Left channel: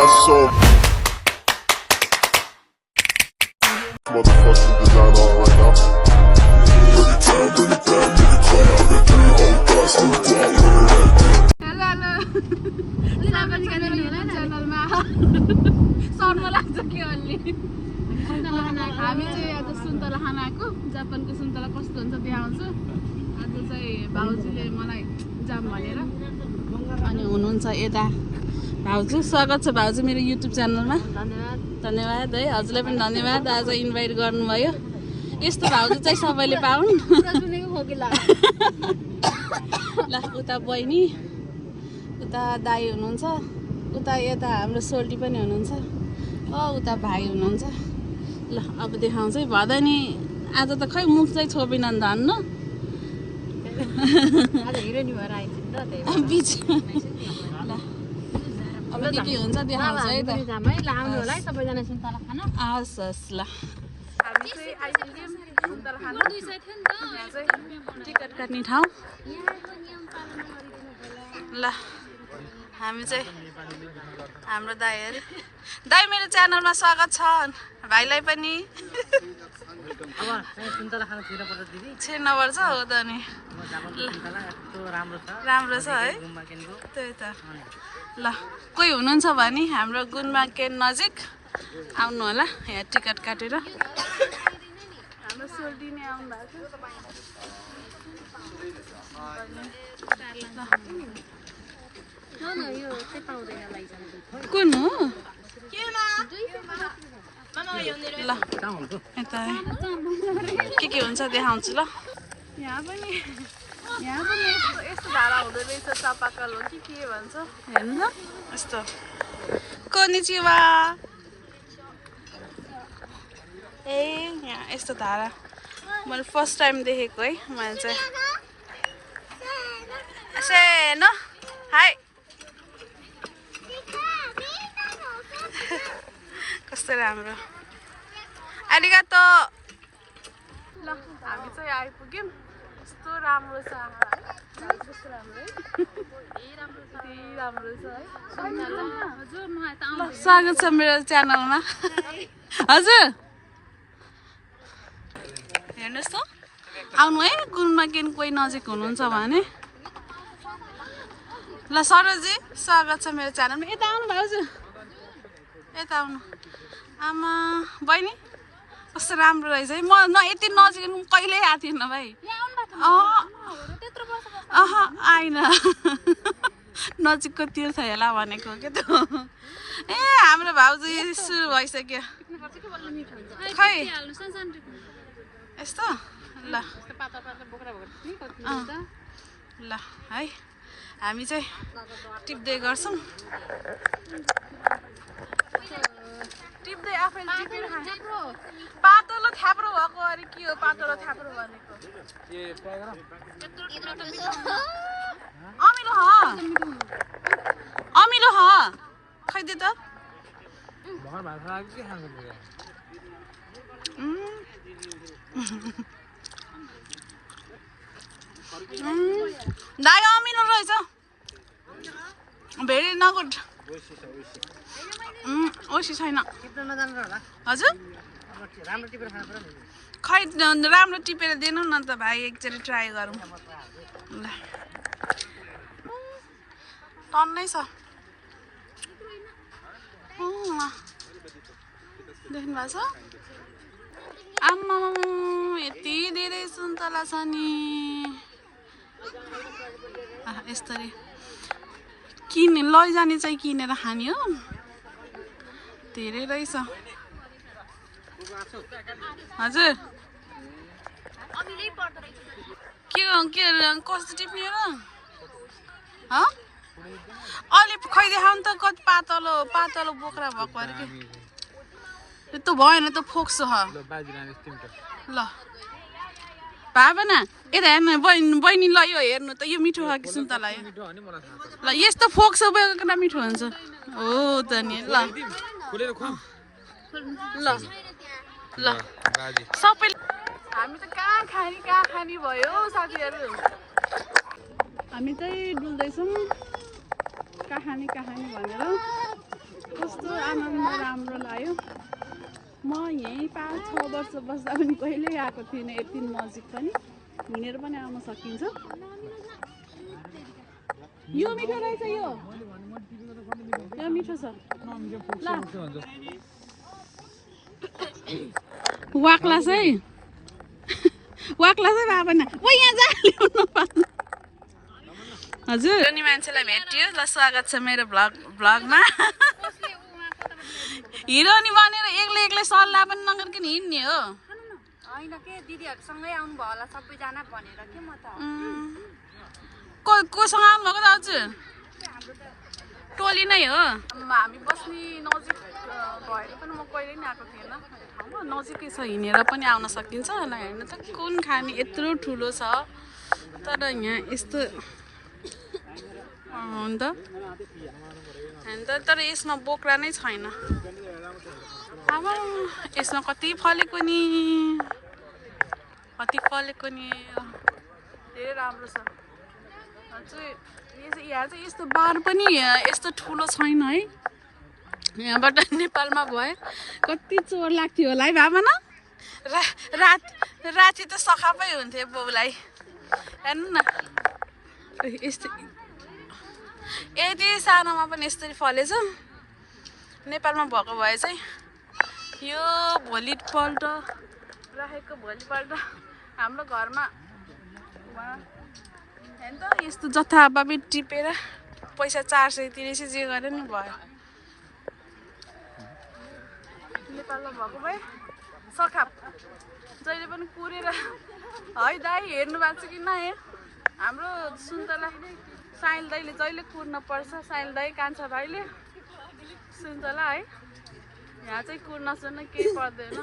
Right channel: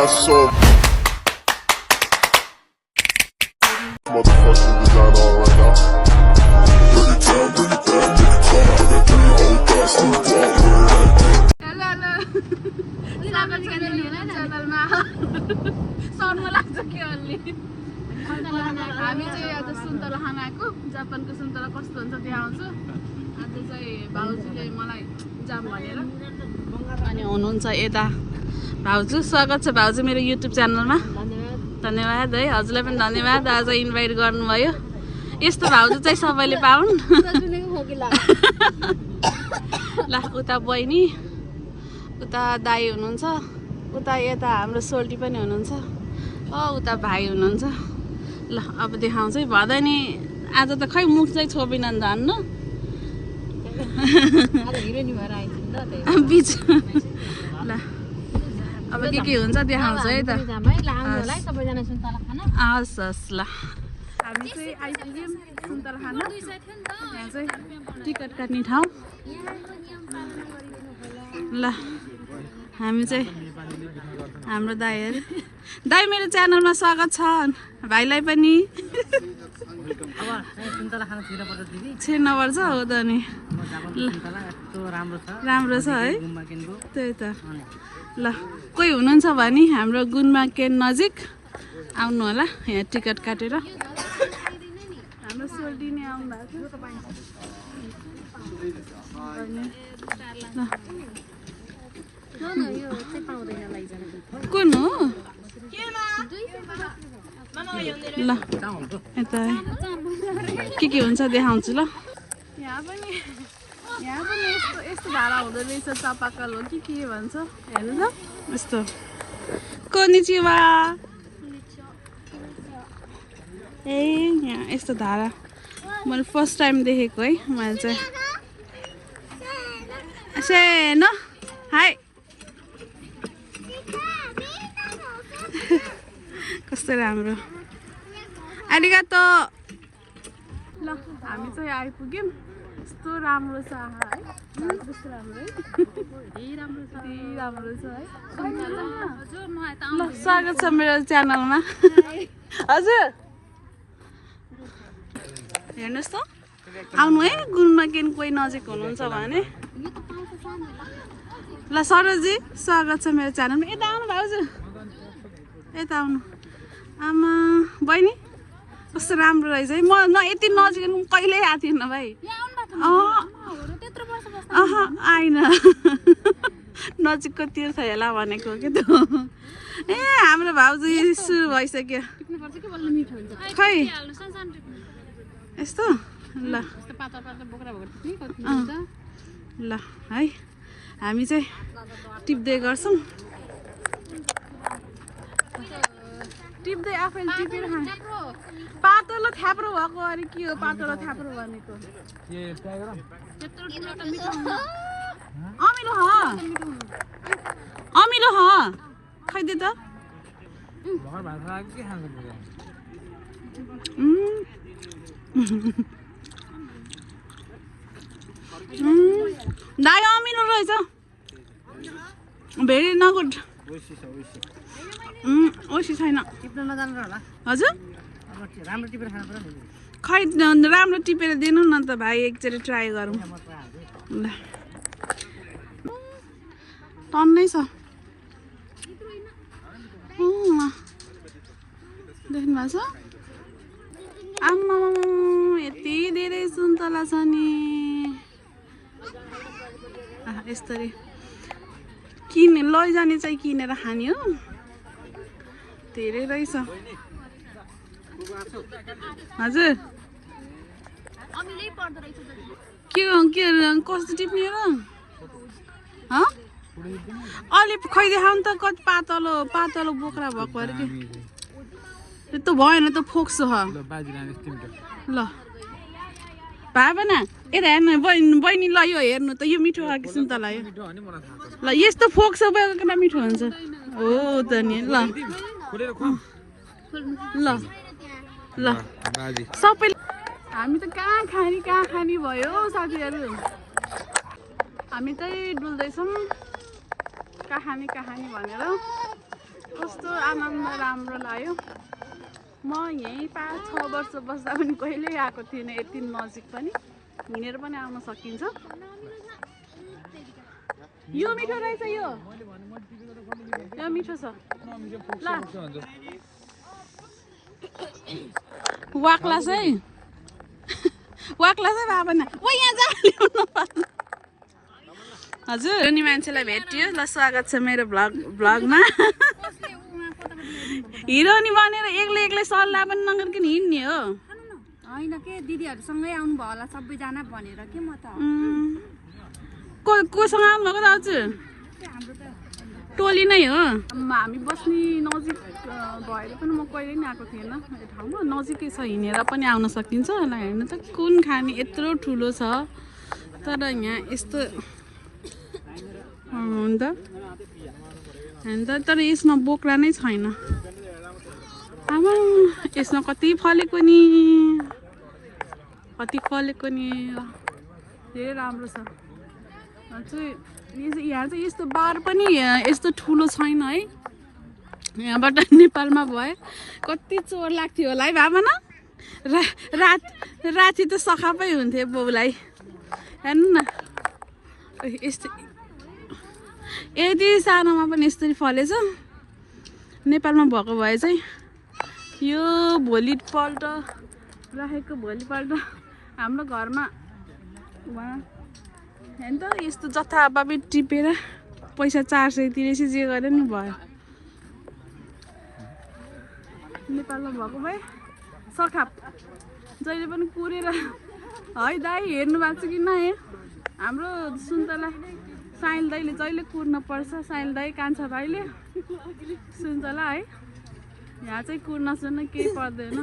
got some motherfucking design on right now. Bring it down, bring it down, bring it down. I got 3 old thoughts, I'm स्वागत गरेर मेरो च्यानलमा सर्व लाग्छ के अलि हामी चाहिँ आज सुन्तला खान आएको जापानको सुन्तला कस्तो हुन्छ देखाउँछु आज चाहिँ भाउजूले मलाई जाम भनेर अनि हुनुहुन्छ यता भाउजू स्वागत छ भाउजू मेरो युट्युब च्यानलमा धन्यवाद है हजुरलाई पनि धन्यवाद आज इन्भाइट गर्नुभयो यस्तो भाउजू चाहिँ सबैले पाउन् ल उता बहिनी उता दाई हुनुहुन्छ उता यता हाम्रो सोल्टी पनि हुनुहुन्छ उता भाइ हुनुहुन्छ ल अब देखाउँछ है भदैनी आज त खै मुख चाहिँ छोपिन नि धन्न बिच ल अब के हुन्छ देखाउँछ है त हस् हस् ल हामी चाहिँ आइपुग्यौँ सुन्तला खान यहाँ चाहिँ टिकट काट्ने ठाउँ ल हामी चाहिँ हाम्रो दाइहरू दाइ मेरो च्यानलमा स्वागत छ भाइलाई पनि छिर्नुपर्छ हो त नि ल राम्रो छ है त्यही त ल कोही हुनुहुन्छ भने हाम्रो गुन्मा केन नजिक आउनु होला यहाँ टिकट काटेर हाम्रो सोल्टिने आउनु भएको कुन हो ल यता के हुन्छ देखाउँछु ल यहाँ पनि यस्तो धारा हुँदो रहेछ चापाकल हो के भन्छ हेर्नु ल यस्तो कोनिचिवा ए यहाँ यस्तो धारा मैले फर्स्ट टाइम देखेको है मैले चाहिँ सेनो हाई कस्तो राम्रो आरिगातो ल हामी चाहिँ आइपुग्यौँ कस्तो राम्रो छ है कस्तो राम्रो छ है ल स्वागत छ मेरो च्यानलमा हजुर हेर्नुहोस् त आउनु है गुन्मा केन कोही नजिक हुनुहुन्छ भने ल सरोजी स्वागत छ मेरो च्यानलमा यता आउनु भाउजू यता आउनु आमा बहिनी कस्तो राम्रो रहेछ है म यति नजिक कहिल्यै आएको थिएन भाइ आइन नजिकको तीर्थ हेला भनेको के त ए हाम्रो भाउजू सुरु भइसक्यो खै यस्तो ल ल है हामी चाहिँ टिप्दै गर्छौँ टिप्दै आफैले टिपेर खाने पातलो थ्याप्रो भएको अरे के हो पातलो थ्याप्रो भनेको अमिलो खैदे त दाइ अमिलो रहेछ भेरी नगुड ओसी छैन हजुर खै राम्रो टिपेर दिनु न त भाइ एकचोटि ट्राई गरौँ ल टन्नै छ देख्नु भएको छ आम्मा यति धेरै सुन्तला छ नि यस्तरी किने लैजाने चाहिँ किनेर खाने हो धेरै रहेछ हजुर के कस्तो टिप्ने र अलि खै देखाउनु त कति पातलो बोक्रा भएको अरे के त्यो भएन त फोक्सो ल भए पनि यता हेर्नु बहिनी ल यो हेर्नु त यो मिठो खालको सुन्तला यो ल यस्तो फोक्सो बोकेको मिठो हुन्छ हो त नि ल ल ल सबै हामी त कहाँ खाने भयो साथीहरू हामी चाहिँ डुल्दैछौँ कहाँ खाने भनेर कस्तो आनन्द राम्रो लाग्यो। म यहीँ 5-6 वर्ष बस्दा पनि कहिल्यै आएको थिएन यति नजिक पनि। हिँडेर पनि आउन सकिन्छ। यो मिठो रहेछ यो मिठो छ ल वाक्ला चाहिँ बाबा न ओ यहाँ जा ल्याउनु पर्छ। हजुर अनि मान्छेलाई भेटियो ल स्वागत छ मेरो भ्लगमा। हिरोनी बनेर एक्लै सल्लाह पनि नगरिकन हिँड्ने हो होइन के दिदीहरूसँगै आउनु भयो होला सबैजना भनेर के म त कोसँग आउनुभएको दाजु टोली नै हो। हामी बस्ने नजिक भएर पनि म कहिले नि आएको थिएन यो ठाउँमा। नजिकै छ हिँडेर पनि आउन सकिन्छ। हेर्नु त कुन खाने यत्रो ठुलो छ तर यहाँ यस्तो त तर यसमा बोक्रा नै छैन। अब यसमा कति फलेको नि धेरै राम्रो छ। यहाँ चाहिँ यस्तो बार पनि यस्तो ठुलो छैन है। यहाँबाट नेपालमा भए कति चोर लाग्थ्यो होला है बाबा न। राति त सखापै हुन्थ्यो बाउलाई। हेर्नु न यस्तो यति सानोमा पनि यस्तरी फलेछ। नेपालमा भएको भए चाहिँ यो भोलिपल्ट हाम्रो घरमा हेर्नु त यस्तो जथाभावी टिपेर पैसा 400 तिरेपछि जे गरे नि भयो। नेपालमा भएको भए सखाप जहिले पनि कुरेर है दाइ हेर्नु भएको छ कि नहेर। हाम्रो सुन्तला साइल दाइले जहिले कुर्न पर्छ। साइल दाइ कान्छा दाइले सुन्तला है। यहाँ चाहिँ कुर्न सुन्न केही पर्दैन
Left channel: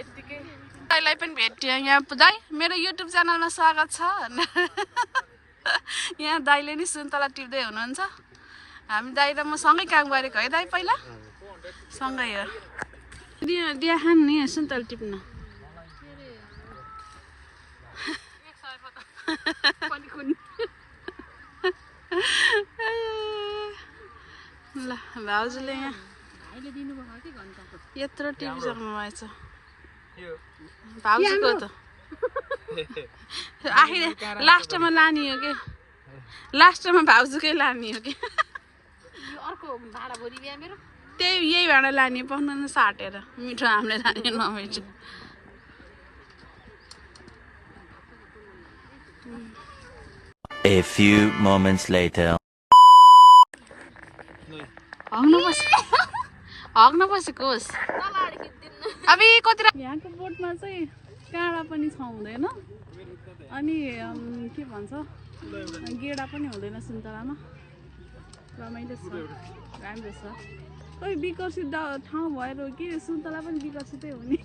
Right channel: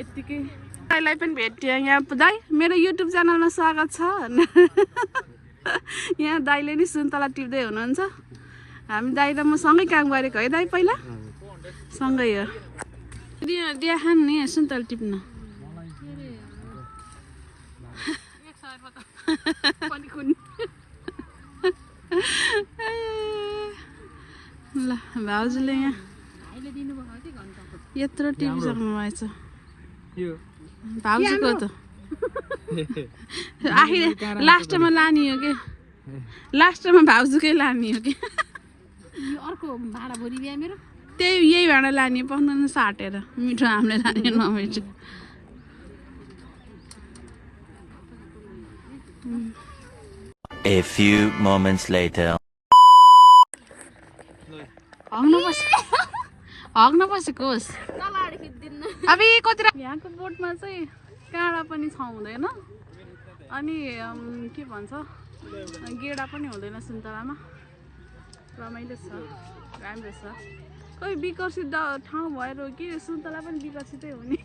यत्तिकै। दाइलाई पनि भेट्यो यहाँ दाइ मेरो युट्युब च्यानलमा स्वागत छ। यहाँ दाइले नि सुन्तला टिप्दै हुनुहुन्छ। हामी दाइ र म सँगै काम गरेको है दाइ पहिला सँगै हो। दिया खान नि सुन्तला टिप्न ल भाउजूले यहाँ यत्रो टिपिसक्नु भएछ भाउजूको त लास्टमा लाने हो कि लास्टमा भाउजूकै लाने हो कि अर्को भाडा भरि बिहा मेरो यही भाँडा लाने पक्न साटेर मिठो हामीले लाने नभएछ। A few moments later. हग्न बसेको होस् अब कति यहाँको बोटमा चाहिँ काँडा पनि छाउँदैन अनि के भन्छ गेडा पनि हुँदैन सुन्तलामा। रमाइलो छ राम्रो छ। कोही विकसित ठाउँ भएर हो कि सुन्तला पनि विकसितै हुने।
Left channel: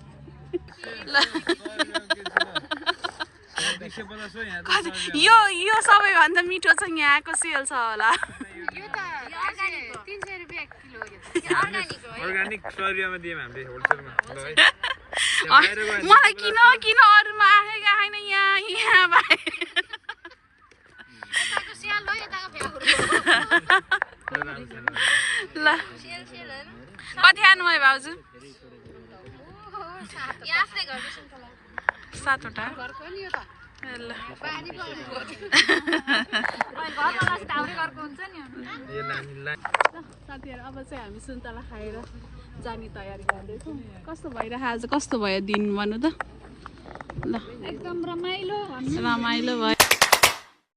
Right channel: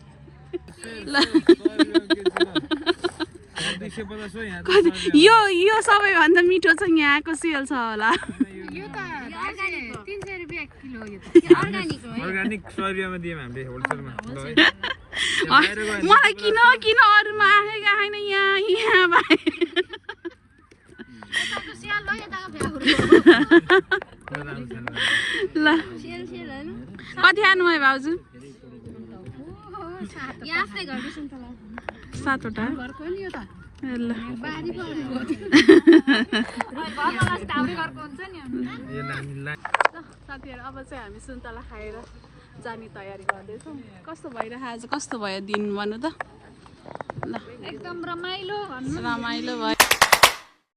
यो सबैभन्दा मिठो चाहिँ यहाँको सेल छ होला। यो त 300 रुपैयाँ किलो हो। यो त अर्गानिक हो है। अर्गानिक 100 रुपैयाँमा दियौँ हामीले होलसेलमा। मलाई किन अरूमा आएका होइन यहाँ भाइ। ल कति खानुभयो भाउजू? 7वटा। ल साथीहरू अब चाहिँ हामी सुन्तला खाएर जाने तयारी गर्दैछौँ। कस्तो भइरहेको आज कस्तो भयो दिन भन्नु त। ल एकदम रमाइलो भयो।